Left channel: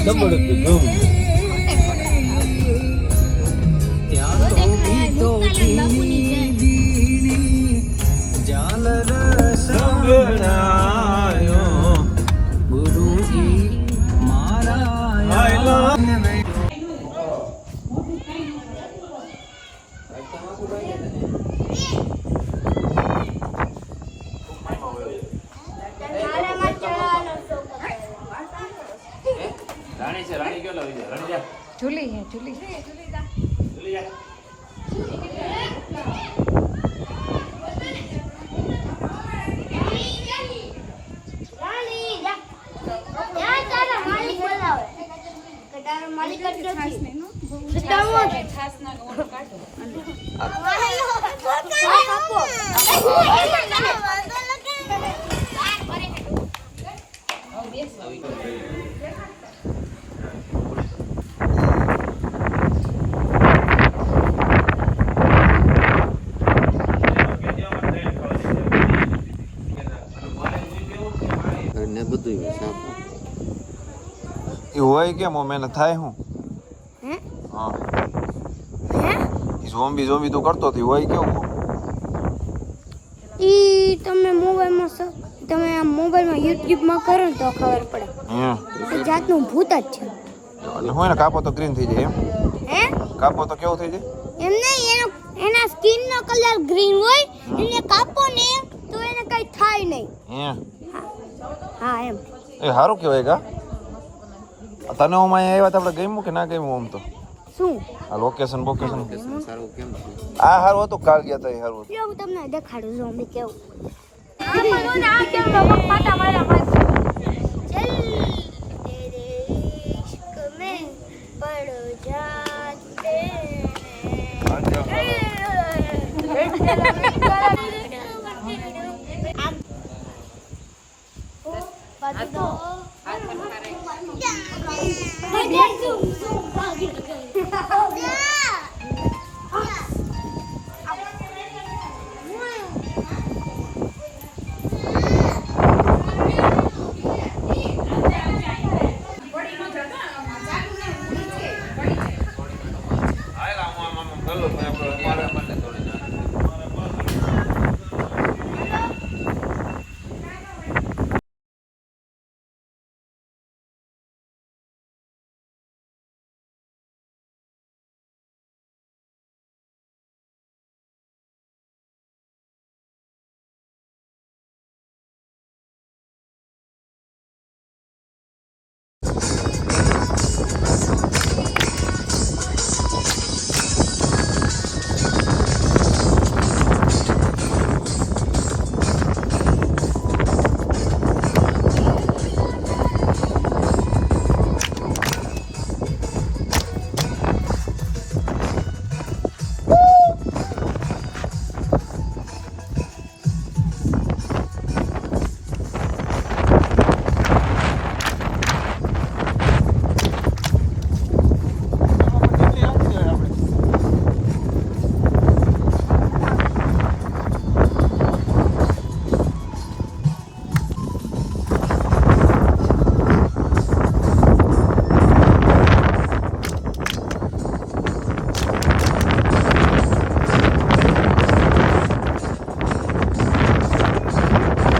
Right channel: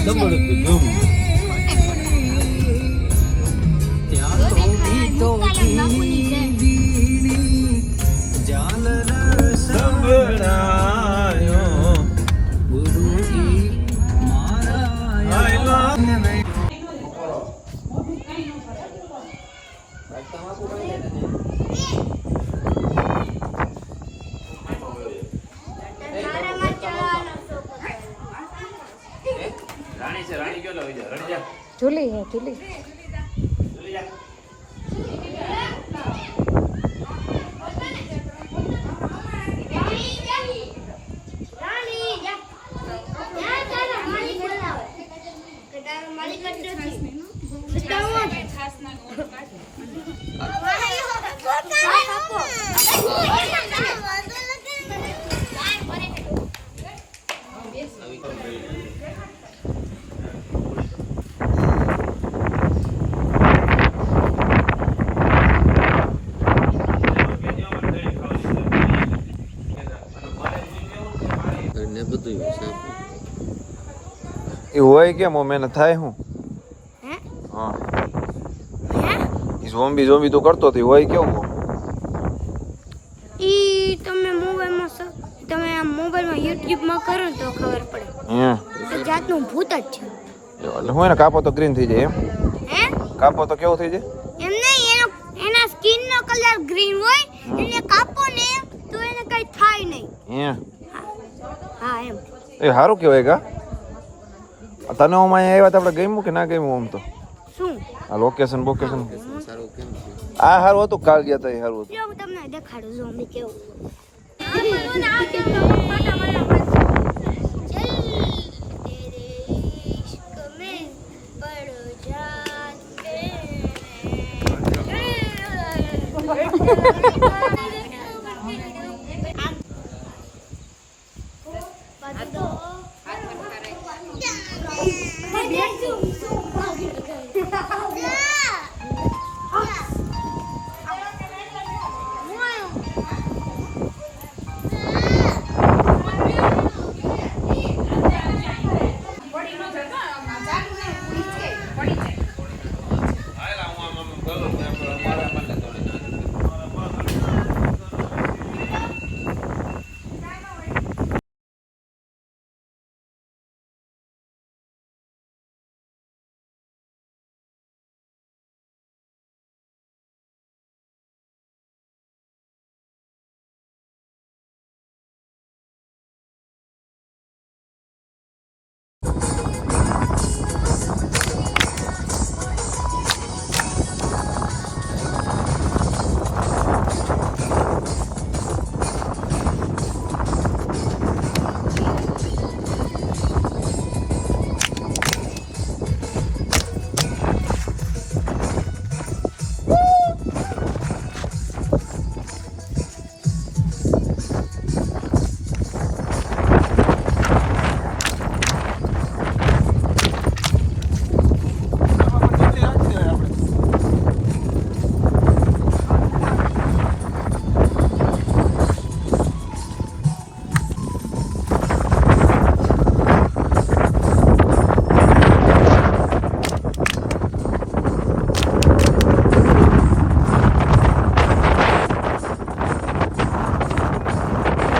double ધૂમ સંભળાયો ગુરુજી મારા રાણી છે રાણી કેલો વિજય રાણી જા ઝૂલી હે ઝૂલી જલ્દી જા ને બધું એ હોય કેમ મહેનત થાય હું ઝોમ્બી ઝોમ્બી તો કરતો તો હોય કેવું ઈ તમે મોબાઈલમાં તમે આ મોબાઈલમાં યુટ્યુબમાં કરો ને તો ખબર પડે એ જાતનું ભૂત જ છે હું એને કાપો તો ગ્રીન થઈ જાય એમ હે કાપો તો કેવું થઈ જાય એમ નહીં એના સ્કિન નો કલર ગ્રીન હોય એને કાપો ને તો એને કઈ થાય નહીં હા એમ એ સારું કહેવાય કા તને હું અહીંયા આવ્યા તો આપણે ગમ્યું કે ના ગમ્યું આમ તો શું લોકેશન સારું કેમ છે આ સારું હતું કાલ ગયા હતા એ સારું હતું હું તમને દેખાડું છું અમે કેવું મારા